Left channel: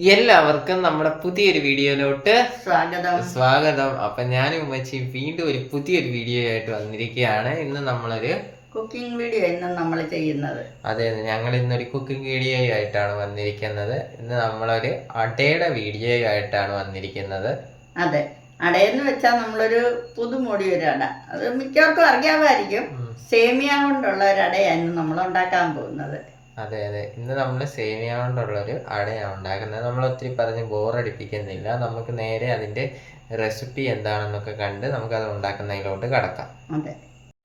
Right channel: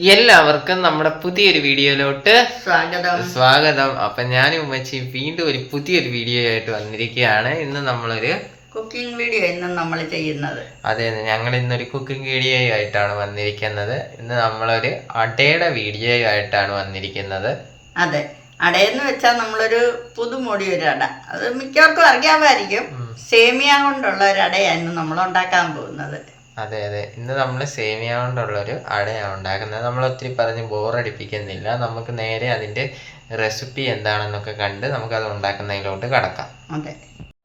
എല്ലാവർക്കും നമ്മുടെ പുതിയൊരു വീഡിയോയിലോട്ട് സ്വാഗതം. സ്വാഗതം. അപ്പൊ ഞാനും ഉമ്മച്ചി വീണ്ടും ഒരു പുതിയൊരു വീഡിയോ ആയിട്ട് വന്നിരിക്കുകയാണ്. ഇന്ന് നമ്മളൊരു കുക്കിംഗ് വീഡിയോ ഇന്ന് നമ്മൾ ചെയ്യുന്നത്. അതെ ഞങ്ങൾ ഇന്നൊരു കുക്കിംഗ് വീഡിയോ ആയിട്ടാണ് വന്നിരിക്കുന്നത്. ഇന്ന് നമ്മളൊരു അടയുടെ വീഡിയോ ആയിട്ടാണ് വന്നിരിക്കുന്നത്. അതെ. അടയെന്ന് വെച്ചാൽ നമ്മളൊരു പുതുമൊടി ഒരു അട. അത് മിക്കവർക്കും അറിയാമായിരിക്കും. സേമിയ കൊണ്ടുള്ള ഒരു അടയാണ് നമ്മൾ ഉണ്ടാക്കാൻ പോകുന്നത്. അതെ അതെ. ഇന്ന് നമ്മൾ സേമിയ കൊണ്ടുള്ളൊരു അടയാണ് ഉണ്ടാക്കുന്നത്. നമ്മൾ ഒത്തിരി പറഞ്ഞ് ബോറടിപ്പിക്കുന്നില്ല. നമുക്ക് നേരെ അതിന്റെ റെസിപ്പി എന്താണെന്നൊക്കെ കണ്ട് നമുക്ക് അത് ഉണ്ടാക്കുന്നതിലോട്ട് കടക്കാം. അതെ.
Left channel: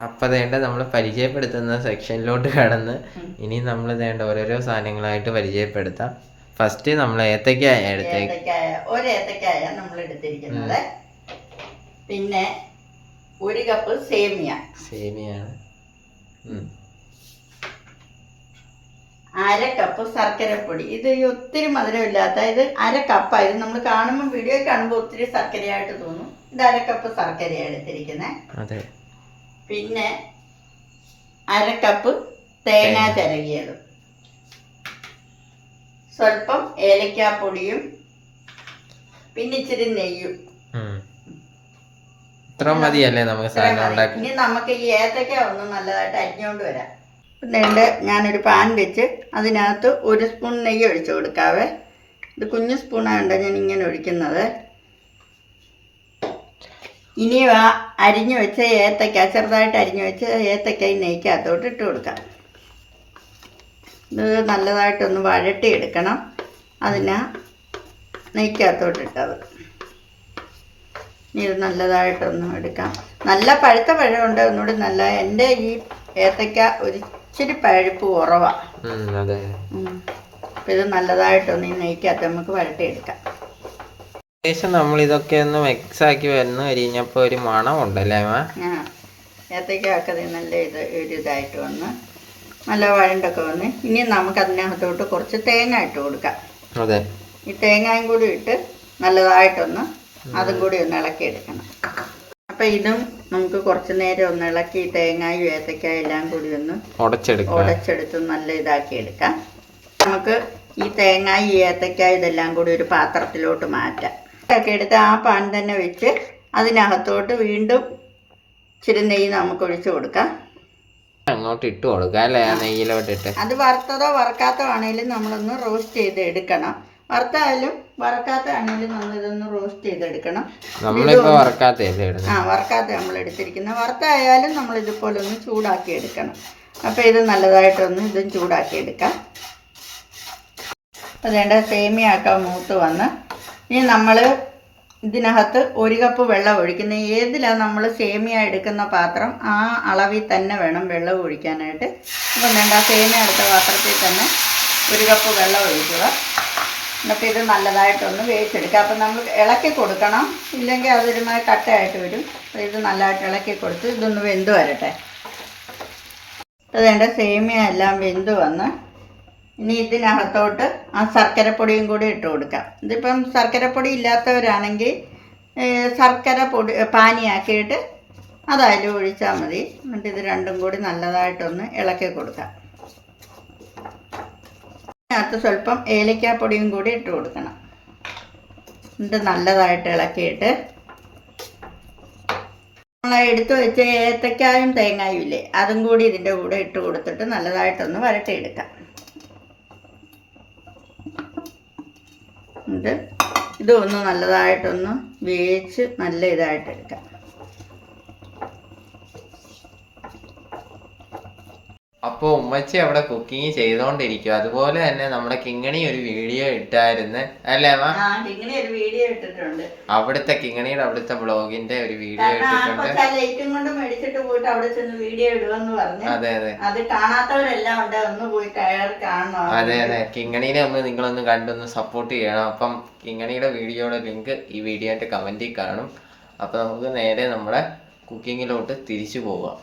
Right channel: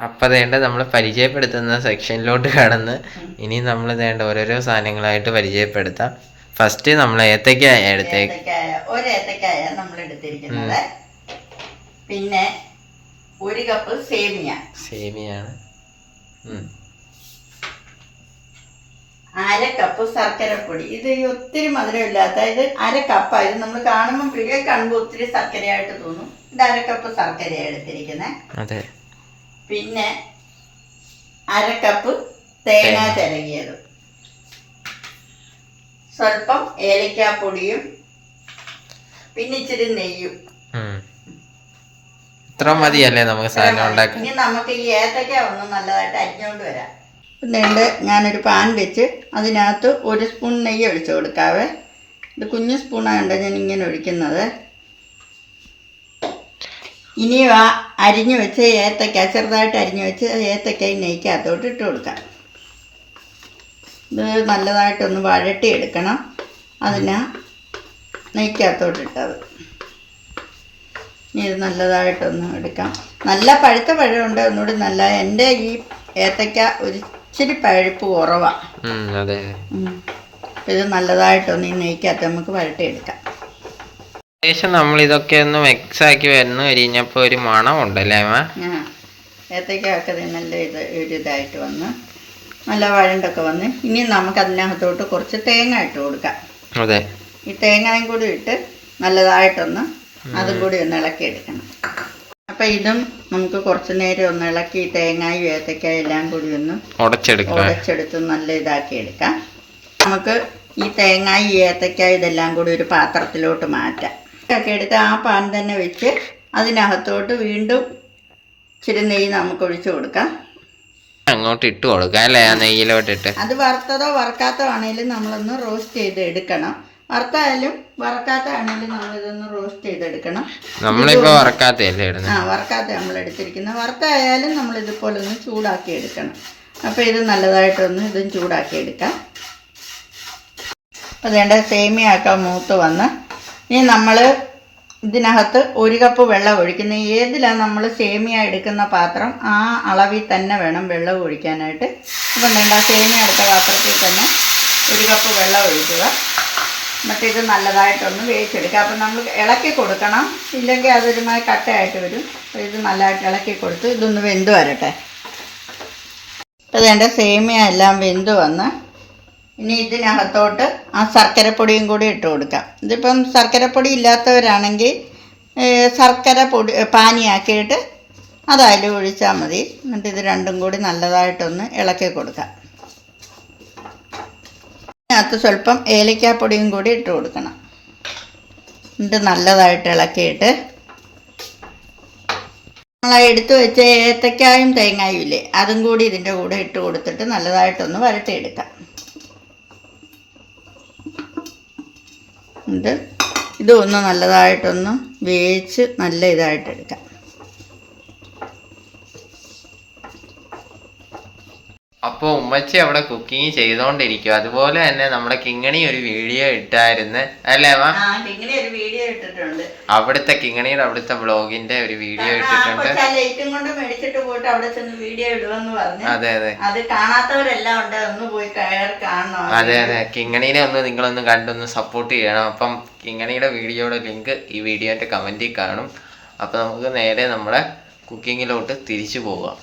അപ്പൊ വേണ്ട നമ്മൾ പരിചയപ്പെടുത്തുന്ന സെക്ഷനിലോട്ട് കടന്ന് ഇനി നമ്മൾ വേണ്ട ഓരോരോ സാധനങ്ങളായിട്ട് പരിചയപ്പെടുത്താം. ഫസ്റ്റ് നമ്മൾ ഏത്തക്കായ എടുത്തേക്ക് ഒരു ഏത്തക്കായ നമ്മൾ എടുത്തിരിക്കുന്നത്. പിന്നെ ഒരു കപ്പ് സേമിയ. സേമിയാണ്. അര കപ്പ് ശർക്കരപ്പൊടി ഇത് ഈ ഒത്തിരി മധുരമില്ലാത്ത ഇത് അര കപ്പാണ് ഇത് നമ്മൾ കാണുമ്പോൾ വീഡിയോ കാണുമ്പോൾ ഒത്തിരി ശർക്കരയായിട്ട് തോന്നും. ഇത് അര കപ്പ് ശർക്കരയാണ് എടുത്തിരിക്കുന്നത് അതെ. പിന്നെ അര കപ്പ് തേങ്ങ ചിരകിയത്. സ്വല്പം ഏലക്കാപ്പൊടിയും പിന്നെ ഇച്ചിരി നെയ്യും. ഇത്ര മതിയല്ലേ നമുക്ക് സാധനം ഉണ്ടാക്കാൻ? ഇനി നമുക്ക് ഈ ഏത്തക്ക ഒന്ന് നല്ലതായിട്ട് അരിഞ്ഞോണ്ട് വരാം. എന്നിട്ട് ഞാനൊരു പാൻ വെച്ച് അതിനകത്ത് ഒരു സ്പൂൺ നെയ്യ് ഒഴിച്ചു കൊടുക്കാവേ. ഇത് കുഞ്ഞു സ്പൂണാണ് ഞാൻ ഇങ്ങനെ ഒഴിക്കുന്നത്. ഇനി ആ അരിഞ്ഞു വെച്ച ഏത്തക്ക ചെറുതായിട്ട് അരിഞ്ഞു വെച്ച ഏത്തക്ക ഈ നെയ്ക്കകത്തോട്ട് ഇട്ട് കൊടുക്കാം. ഇത് നല്ലതായിട്ടൊന്ന് വഴട്ടിയെടുക്കണം. അതിനാ നെയ്ക്കകത്തോട്ട് ഇട്ടത്. ഇനി ഇത് നല്ലതായിട്ടൊന്ന് എടുക്കാം. നല്ല പഴുത്ത പഴമുണ്ട്. ഒന്നുകൂടി നല്ല എന്റെ ഈ ഏത്തക്ക ഒരു ഇച്ചിരി പഴുപ്പ് കുറവാണ് അതെ. ഇത് നല്ലതായിട്ടൊന്ന് ഈ നെയ്ക്കകത്ത് നമുക്ക് വരട്ടിയെടുക്കാം. ഏകദേശം നമ്മൾ ഇതൊക്കെ ഒന്ന് മിക്സ് ആക്കി വരുന്നു കഴിഞ്ഞപ്പോൾ ഒരു മണം ഉണ്ടല്ലേ ഏത്തയ്ക്കൊക്കെ ഇത് നല്ല ഇത് ഒരു ഇതായിട്ട് വന്ന് നല്ല വഴണ്ടൊക്കെ വന്ന്. ഇനി നമുക്ക് അതിനകത്തോട്ട് കുറച്ച് തേങ്ങ ഇട്ട് കൊടുക്കാം. അതെ. ഈ തേങ്ങയും കൂടി ഇട്ട് നല്ലതായിട്ടൊന്ന് അതും കൂടി ഒന്ന് ഇളക്കിയെടുക്കണം. അപ്പം ഇതും നമുക്ക് കുറച്ച് നേരം ഒന്ന് ഇളക്കി തേങ്ങായും ഏത്തക്ക എല്ലാം കൂടി ഒന്ന് ഉടച്ചെടുത്ത് നല്ല ഇതാക്കി എടുക്കാം. നമുക്ക് ഈ തേങ്ങായി ഏത്തക്ക ഇതെല്ലാം കൂടി ഒരു പാത്രത്തിലോട്ട് മാറ്റാം. ഒക്കെ എടുത്ത് ആ പാൻ തന്നെ വെച്ച് അതിനകത്തോട്ട് വീണ്ടും ഇച്ചിരി നെയ്യ് നമുക്ക് ഒഴിച്ചു കൊടുക്കാം. അങ്ങോട്ട് ഇട്ട് കൊടുക്കാം അല്ലേ? ആ നെയ്യിലോട്ടിട്ട് അത് വറുത്തതോ വറുക്കാത്തോ ആണെങ്കിലും നമ്മളൊന്ന് റോസ്റ്റ് ചെയ്ത് എടുക്കണം. വറുത്തായാലും വറക്കാത്ത ആണെങ്കിലും നമ്മളിതൊന്ന് റോസ്റ്റ് ചെയ്തെടുക്കണം. നമ്മളിപ്പോ വറക്കാത്ത ആ ഇടുന്നത് വറുക്കാത്ത നമ്മൾ എടുത്തിരിക്കുന്നത്. വറുത്തായാലും നമ്മൾ ഇതുപോലെ ഒന്ന് ചൂടാക്കി എടുക്കണം. അപ്പോൾ ഇത് നല്ലതായിട്ടൊന്ന് ഇതും ചൂടാക്കി എടുക്കാം. അപ്പോൾ വേണ്ട സേമിയാക്ക മൂത്ത് വന്ന് ഇനി നമ്മൾ ഇതിനകത്ത് ഒരു കപ്പ് വെള്ളം ഒഴിക്കുന്ന ഏതിലാണ് നമ്മൾ സേമിയ എടുക്കുന്ന പാത്രം? ആ അളവിൽ തന്നെ വേണം വെള്ളം ഒഴിക്കാനായിട്ട്. അപ്പം വേണ്ട സേമിയ എടുത്ത പാത്രത്തിൽ തന്നെ ഒരു കപ്പ് വെള്ളം ഒഴിക്കുക. എന്നിട്ട് ഇത് നല്ലതായിട്ടൊന്ന് വേവിച്ചെടുക്കുക. അപ്പം നമ്മൾ ഇളക്കി കൊടുക്കണം. ഇല്ലെങ്കിൽ അതൊരുമായി കട്ടയായിട്ട് വരും. അപ്പോൾ ഇത് നല്ലതായിട്ട് ഇളക്കി കൊടുത്ത് ഇതൊന്ന് വെന്ത് വരട്ടെ. അപ്പോൾ വേണ്ട സേമിയ എല്ലാം വെന്ത് വന്ന് ഇനി ഇതിനകത്തോട്ട് ആ ശർക്കരപ്പൊടിയും കൂടി ഇട്ട് കൊടുക്കാം. ഇതിപ്പം ശർക്കരപ്പൊടി ഇല്ലാത്തവരാണെങ്കിൽ ഏഹ്, ശർക്കര പൊടി പാനിയാക്കിയിട്ട് അതായാലും ഒഴിച്ചാൽ മതി. എന്നിട്ട് ഇത് രണ്ടും കൂടി നല്ലതായിട്ടൊന്ന് ഇളക്കി കൊടുക്കാം. അതിനകത്ത് സ്വല്പം ഏലക്കാപ്പൊടിയും കൂടി ഇട്ട് കൊടുക്കണം. എന്നിട്ട് നല്ലതായിട്ട് ഇളക്കിയിട്ട്. നമ്മൾ എടുത്തു വെച്ച ഏത്തക്കായും തേങ്ങായും ഇല്ലേ അതും കൂടി ഇതിന്റെ കൂടെ ഇട്ട് കൊടുത്തിട്ട് നല്ലതായിട്ടൊന്ന് വരട്ടിയെടുക്കാം. എന്നിട്ട് ഇതൊന്ന് നല്ലതായിട്ടൊന്ന് വേവിച്ച് നല്ല ഇതായിട്ട് എടുക്കാം അപ്പൊ ഉമ്മച്ചി അവിടെ കുക്കിംഗ് ചെയ്തോണ്ടിരിക്കും അതുപോലെ തന്നെ നമ്മുടെ കിങ്ങണി ഒരു വീഡിയോ ഇട്ടായിരുന്നു. അല്ലേ ഒരു വീഡിയോ ഇട്ടിട്ടുണ്ട്. അവിടുത്തെ കിങ്ങണിയുടെ അവിടുത്തെ ബ്ലോഗിന്റെ ഒരു വീഡിയോ ഇട്ടിട്ടുണ്ട്. ലൈറ്റും കൊണ്ട് മേടിച്ചിട്ട് പോയിട്ട് അവിടെ ചെന്ന് വീഡിയോ ഇടുവെന്ന് പറഞ്ഞു. അതെ അതെ. അത് കാണാത്തവരെല്ലാം ഉണ്ട്. ഒന്ന് പോയി കയറി കാണണം. അതെ അതെ കിങ്ങണീനെ ഒന്ന് നിങ്ങളൊന്ന് കണ്ടൊന്ന് സപ്പോർട്ട് ചെയ്യണം. അപ്പം കിങ്ങണിയുടെ വീഡിയോയുടെ ലിങ്ക് ഈ വീഡിയോന്റെ കമന്റിൽ കാണും. അപ്പൊ നമുക്ക് നേരെ നമ്മുടെ കുക്കിങ്ങിലോട്ട് തിരിച്ചു പോകാം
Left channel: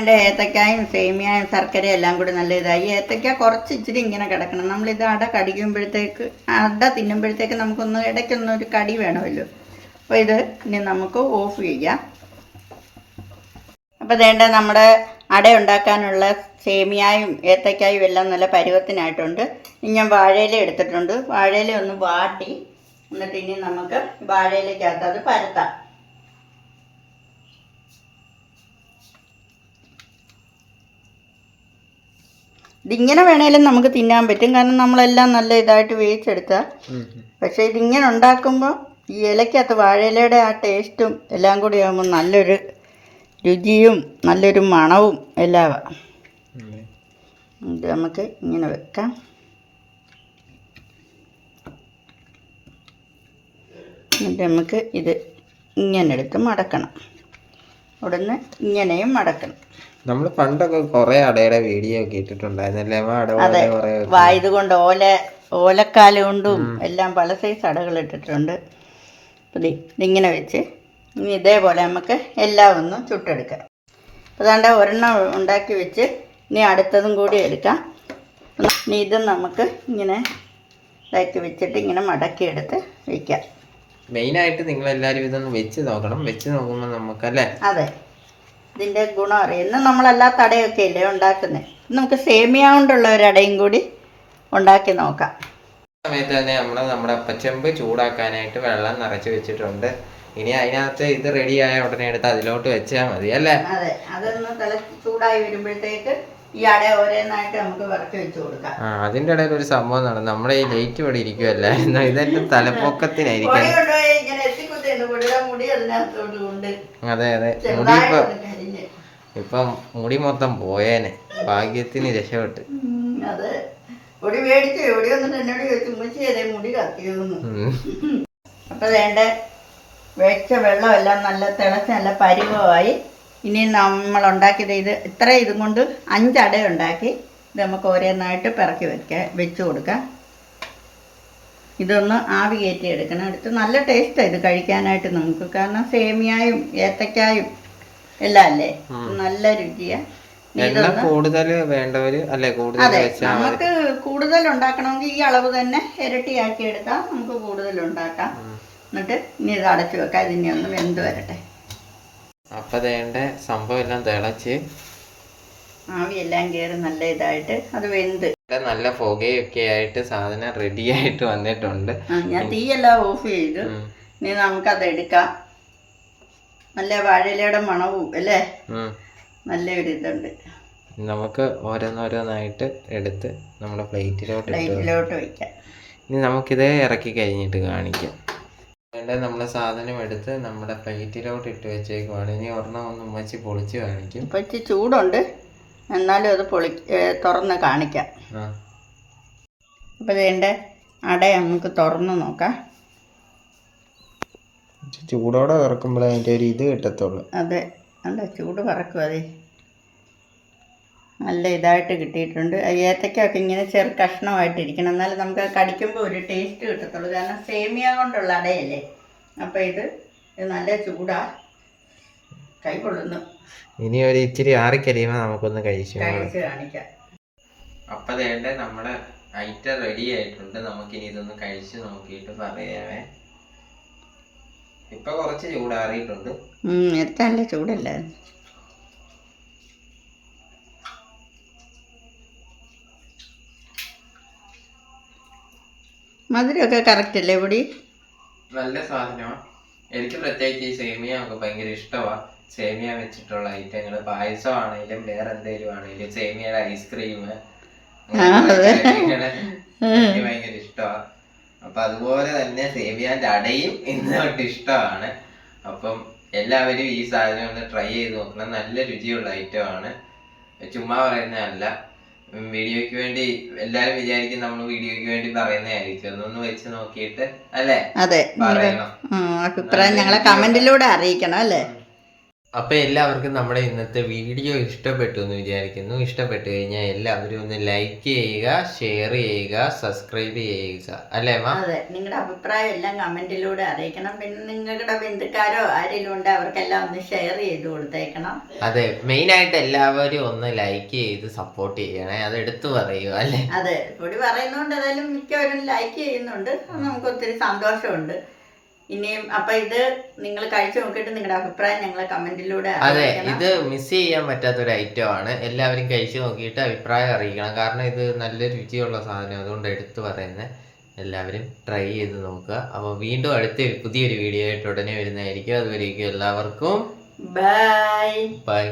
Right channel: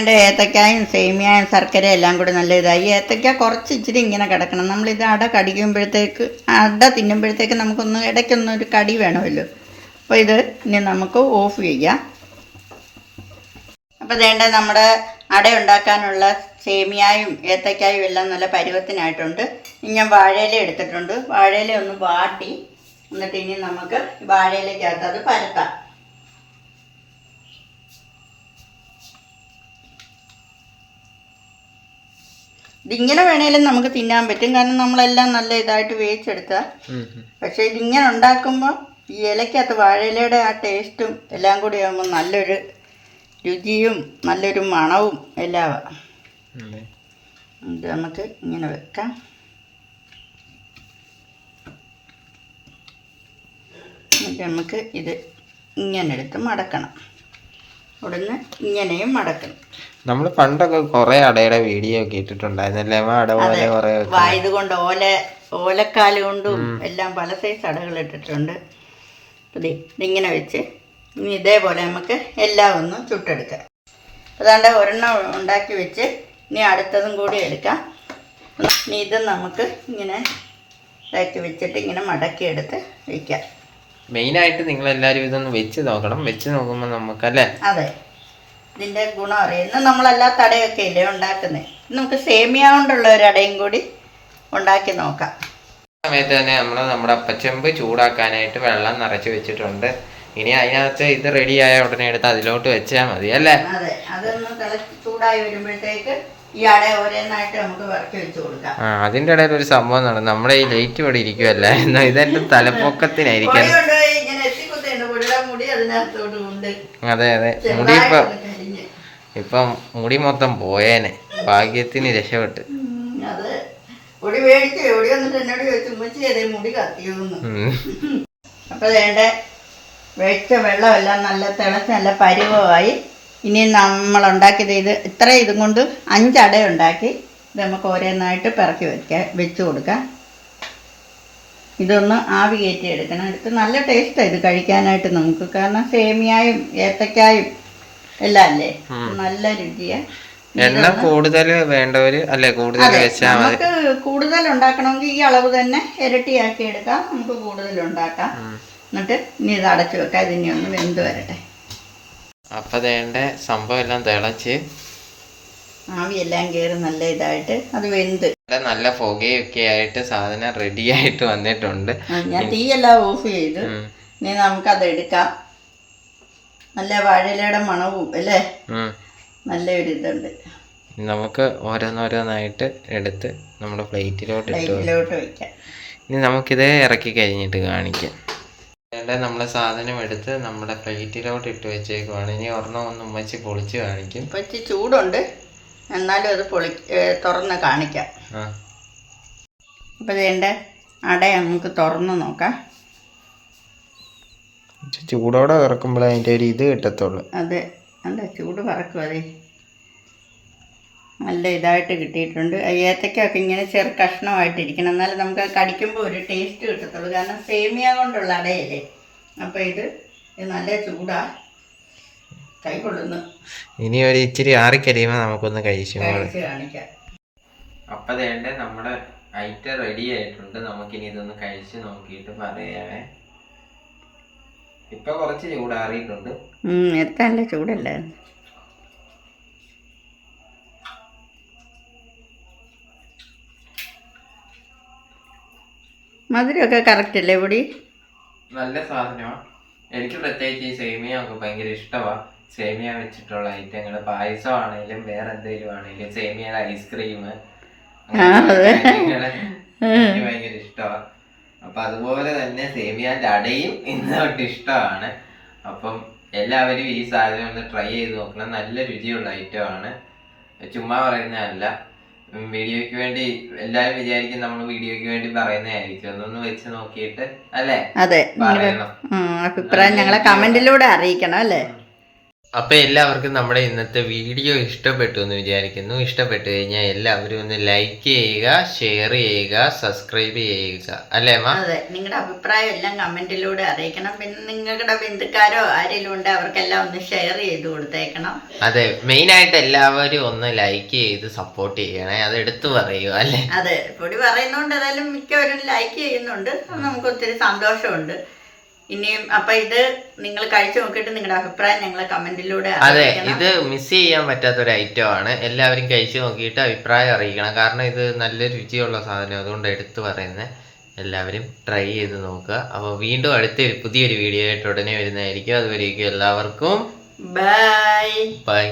എന്റെ ഏത്തക്കായും സേമിയായും ശർക്കരയും എല്ലാം കൂടി നല്ല ഇതായി ഏത്തക്ക കുറച്ച് ഇച്ചിരി ഇങ്ങനെ കിടക്കണം. നമ്മളിത് അട കടിക്കുമ്പോഴത്തേക്ക് അട തിന്നുമ്പോഴത്തേക്ക് നമുക്കൊന്ന് ഇടയ്ക്കൊന്ന് ഒരു കടി വേണമല്ലോ. അപ്പോൾ ഇത് ഇനി നമുക്ക് ഓഫ് ചെയ്യാം. അപ്പോൾ വേണ്ട നമ്മുടെ അട ഉണ്ടാക്കാനുള്ള സേമിയായും ഏത്തക്കായും എല്ലാം നല്ല പരുവത്തിനായിട്ടുണ്ട്. ഇനി ഞാൻ വാഴയില എടുത്തിട്ടുണ്ട്. വാഴയില ഒന്ന് വാട്ടി. എന്നിട്ട് ഇനി നമുക്ക് വാഴയിലേക്കകത്ത് അത് പരത്താം. ഇതിങ്ങനെ വേണേലും നമുക്ക് തിന്നാൻ പറ്റും. കാരണം നമ്മളെല്ലാം നല്ല ഇതായിട്ട് വേവിച്ചെടുത്ത പക്ഷെ ഇതിങ്ങനെ ഉണ്ടാക്കുമ്പോൾ ഈ ഇലക്കകത്ത് വാഴയിലയുടെ ആ ടേസ്റ്റും എല്ലാം കൂടി ആകുമ്പോൾ നല്ലൊരു രുചിയും നല്ലൊരു മണവും എല്ലാം ഇത് നമുക്ക് ഇങ്ങനെ വെക്കാം. എന്നിട്ട് നമുക്ക് ഇത് ഇങ്ങനെ എടുത്ത് മടക്കണം. ഉടനെ ഇങ്ങനെയും മടക്കണം. നമ്മൾ പണ്ടൊക്കെ കുറെ അടയുടെ വീഡിയോ ഒക്കെ ഇട്ടിട്ടുണ്ടായിരുന്നല്ലേ? അമ്മ? അട പോലെ കുറെ വായത് കൊണ്ട് ഓല ഓലക്കാല കൊണ്ടും എല്ലാം പല സൈസ് അടകൾ ഇട്ടിട്ടുണ്ട്. ഇങ്ങനെ ഇതിങ്ങനെ വെച്ച് ഇനി ഇതേപോലെ നമുക്ക് എല്ലാം ഒന്ന് ചുട്ടെടുക്കാം. അതാണ്ട് ഒരെണ്ണം ഉണ്ടാക്കി വെച്ച് ഇനി അടുത്തതും കൂടി എടുക്കാം. ഇനി ഇത് നമുക്ക് ഇങ്ങനെ ഇതാക്കി വെച്ചിട്ട് ഇങ്ങനെ മടക്കിയെടുത്ത് വയ്ക്കാം മെയിനായിട്ട് നിങ്ങൾ എല്ലാവരും ഇതൊന്ന് വെച്ച് നോക്കണം. വെച്ച് നോക്കുമ്പോൾ നമുക്കല്ലേ? അതെ. ഇതിന്റെ ഗുണം അറിയാം. ഇന്ന് നമ്മളെല്ലാ തടയൊക്കെ ഇല്ലേ ഉണ്ടാക്കുന്നത് നമുക്ക് സേമിയ കൊണ്ടുള്ള ഒരു അടയും കൂടി ഉണ്ടാക്കി നോക്കാം. സമയത്ത് തന്നെ നമ്മൾ നമ്മുടെ അപ്പച്ചെമ്പ് ചൂടാക്കാനായിട്ട് വെള്ളം നിറച്ച് വെച്ചിട്ടുണ്ട്. ഇനി അതിനകത്ത് ഇത് റെഡി ആയ ഉടനെ എടുത്ത് അതിലോട്ട് വെച്ചാൽ മതി അല്ലേ? അതെ അതൊന്ന് തിളച്ച് ചൂടായി വരുമ്പോഴത്തേക്ക് ഈ അട ഓരോന്നായിട്ട് നമുക്ക് വിറക്കി വെച്ച് കൊടുക്കാം. ആ അതിന്റെ ഇടയിൽ ഒരു സംഭവം നടന്നു. നമ്മുടെ ഈ ലൈറ്റ് ഇവിടെ ഇരിക്കുമല്ലേ എന്നാ ഇതെന്റെ തലപ്പൊക്കത്തിനായിരിക്കും പൊടി കൊണ്ടുപോയി ഇങ്ങനെ എത്തിക്കുത്തുണ്ട് പൊടിയുടെ മുടി അതിനകത്തോട്ട് കൊണ്ട്. അതെ അതെ. മുടി ഇപ്പം ഇപ്പം മുടി മൊത്തം പോയേനെ. ഭാഗ്യത്തിന് രക്ഷപ്പെട്ട്. അപ്പൊ അത് പൊടി മേടിച്ച് പൊടി വന്നിട്ട് എന്നോട് ചോദിച്ചു ഉമ്മച്ചി അതേ മുടി കത്തിയൂന്ന്. അപ്പോൾ വേണ്ട വെച്ച വെള്ളമെല്ലാം നല്ല തിളച്ച് നല്ല പരിവമായി ഇനി നമ്മൾ ഉണ്ടാക്കിയത് ഇത് ഇത്ര ഇതും കൊണ്ട് അഞ്ചട ഉണ്ടാക്കി. ഇത് നമുക്ക് ഓരോന്നായിട്ട് പിറക്കി വെക്കാം വെച്ച് കൊടുക്കാം. ഇതൊന്ന് ആവി കയറ്റി എടുക്കണം. എടുത്ത് നല്ല ടേസ്റ്റാണ് ഇത് കഴിക്കാനായിട്ട് നമുക്ക്. കാരണം സേമിയായും ഏത്തക്കായും എല്ലാം അല്ലേ നല്ല രുചിയാണ് എണ്ണ കൂടുതൽ വേണ്ടവര് അല്ലെ കൂടുതൽ വെച്ചാൽ മതി. നമുക്ക് കൂടുതൽ ഉണ്ടാക്കണമെങ്കിൽ ഈ അളവ് തന്നെ ഇരട്ടിയാക്കി എടുക്കാം. നമുക്ക് കൂടുതൽ ഉണ്ടാക്കാം. എന്നിട്ട് ഇനി ഇത് അടച്ചു വെക്കാം. ഇതിനി ഒന്ന് വെന്ത് വരട്ടെ. അപ്പൊ വേണ്ട സംഭവം എല്ലാം തിളച്ച്. ആവിയെല്ലാം കയറി നല്ല ഇതായിട്ട് അത് വെന്ത്. നല്ല പുകയൊക്കെ ആയിട്ട് സാധനം റെഡി ആയിട്ട് വന്നിട്ടുണ്ട്. ഞാൻ തീയെല്ലാം ഓഫ് ചെയ്തു. ഇനി നമുക്കത് എടുക്കാം. നല്ല വാഴയിലയുടെ മണവും അല്ലേ. നല്ലൊരു ഇതുണ്ട് നമുക്ക് ഓരോന്നോരോന്നായിട്ട് എടുത്ത് നമ്മുടെ പ്ലേറ്റിലോട്ട് വെക്കാം. പ്ലേറ്റിലോട്ട് വയ്ക്കാം ഇനി നമുക്കിത് ഇറക്കി കഴിഞ്ഞിട്ട് കാണിക്കാം. നമ്മളെ സാധനം എടുത്ത് നമ്മുടെ പ്ലേറ്റിലോട്ട് ഇട്ട് വെച്ചേക്കുവാണ്. ഇനി ഒരെണ്ണം ഒന്ന് ഉമ്മച്ചി പൊളിച്ച് കാണിക്കും. ഉമ്മച്ചി ചൂടുണ്ട്. എന്നാലും അത് പൊളി തുറന്ന് കാണിക്കാം. അപ്പോൾ വേണ്ട അട നമുക്ക് തുറന്ന് നോക്കാം. ചൂടോടെ വറക്കുമ്പോഴേ അതിന്റെ ഒരു ഇത് കിട്ടത്തുള്ളൂ. അതെ അല്ല ചൂട് വറക്കും അതെ. നല്ല ഇതായിട്ട് കിട്ടിയിട്ടുണ്ട്. ഏത്തക്കൊക്കെ ഇങ്ങനെ ചെറു കഷ്ണമായിട്ടിരിക്കണം. എന്നാലും നമുക്ക് അത് കടിക്കുമ്പോൾ ഒരു ടേസ്റ്റ് കിട്ടത്തുള്ളൂ. കാരണം സേമിയ കൊണ്ടുള്ള അടയല്ലേ? അപ്പോൾ ഇത് ഇത് നല്ല ചൂടാ. കൈകൊള്ളുന്നു ഇനി ഒരു ഇച്ചിരി ആറിക്കരിയുമ്പോൾ നമുക്കൊന്ന് കഴിച്ചു കഴിച്ച് കാണിക്കാം. അപ്പം നമ്മുടെ ഐറ്റം റെഡി ആയിട്ടുണ്ട്. നമുക്കിനി ഇതൊന്ന് കഴിച്ച് നോക്കിയിട്ട് പറയാമേ ഇപ്പൊ കുറച്ച് ചൂടാറിയിട്ടുണ്ട്. നേരത്തെ നല്ല ചൂടല്ലായിരുന്നു മധുരമൊക്കെ കറക്റ്റ് അല്ലേ പൊടി? നല്ല സാധനമാണ് എനിക്ക് പ്രത്യേകിച്ച് ഈ സേമിയ ഒക്കെ ഭയങ്കര ഇഷ്ടമാണ് സേമിയ വെച്ചിട്ടുള്ള ഐറ്റങ്ങൾ പായസം ആണെങ്കിലും വേറെ എന്തെങ്കിലും ആണെങ്കിലും സേമിയയുടെ ഐസ്ക്രീം എനിക്ക് ഭയങ്കര ഇഷ്ടമാണ് അപ്പൊ അതുപോലെ തന്നെ സേമിയാന്റെ അടയും ഇന്ന് തൊട്ട് ഇഷ്ടമാണ്. അപ്പം എല്ലാവരും ഈ സാധനം ഒന്ന് ട്രൈ ചെയ്ത് നോക്കണം. നല്ല രുചിയുള്ള ഐറ്റം ആണ്. ചുമ്മാ പറയുന്നതല്ല. വീഡിയോയ്ക്ക് വേണ്ടി എല്ലാവരും വിചാരിക്കും നമ്മൾ വീഡിയോയ്ക്ക് വേണ്ടി പറയുന്നതായിരിക്കും. ഒന്നൊന്ന് വെച്ച് നോക്കിയിട്ട് അല്ലേ? അതെ. പറയണം. അഭിപ്രായം ഞങ്ങളെ കമന്റിലൂടെ അറിയിക്കണം അല്ലേ? അപ്പൊ എല്ലാവർക്കും നമ്മുടെ ഇന്നത്തെ വീഡിയോ ഇഷ്ടപ്പെട്ടു എന്ന് വിചാരിക്കുന്നു. ഇഷ്ടപ്പെട്ടു കഴിഞ്ഞാൽ എല്ലാവരും ഒന്ന് ലൈക്ക് ചെയ്യുക ഷെയർ ചെയ്യുക സബ്സ്ക്രൈബ് ചെയ്യുക. അല്ലേ മാ? അതെ. നിങ്ങളുടെ അഭിപ്രായം എല്ലാം കമന്റിലൂടെ അറിയിക്കണം. പിന്നെ നിങ്ങളുടെ ബന്ധുക്കാരോ ആരെങ്കിലും ഉണ്ട് അവർക്കെല്ലാം ഒന്ന് ഷെയർ ചെയ്ത് കൊടുത്തേക്കണം. അതെ. മെയിൻ ആയിട്ട് എല്ലാവരും ഒന്ന് ലൈക്ക് ചെയ്ത് സപ്പോർട്ട് ചെയ്യണേ. അത് എടുത്തു പറയുക അല്ലേ? അതെ. പൊടി പറയുന്നോണ്ട് ഏതായാലും മിക്കവരും ലൈക്ക് ചെയ്യുന്നുണ്ട്. നമുക്ക് ഒത്തിരി സന്തോഷമുണ്ട്. ഇനിയും അപ്പൊ ഇത് നിങ്ങൾ കഴിച്ചു നോക്കിയിട്ട് നിങ്ങളുടെ അഭിപ്രായം ഞങ്ങളെ കമന്റിലൂടെ അതെ ഇത് മിസ് ചെയ്യാൻ പറ്റാത്ത ഒരു ഐറ്റം ആണ്. എല്ലാവരും കഴിച്ചു നോക്കിയിട്ട് അഭിപ്രായം അറിയിക്കണം. കാരണം ഇത് നല്ല രുചിയുള്ള സാധനം. അതുകൊണ്ട് എടുത്തു പറയുന്നത് എല്ലാവരും ട്രൈ ചെയ്ത് നോക്കുക. അപ്പോൾ വീണ്ടും അടുത്തൊരു പുതിയൊരു വീഡിയോ ആയിട്ട് ഉടനെ വരുന്നതായിരിക്കും. അതുവരേക്കും എല്ലാവർക്കും ബൈ ബൈ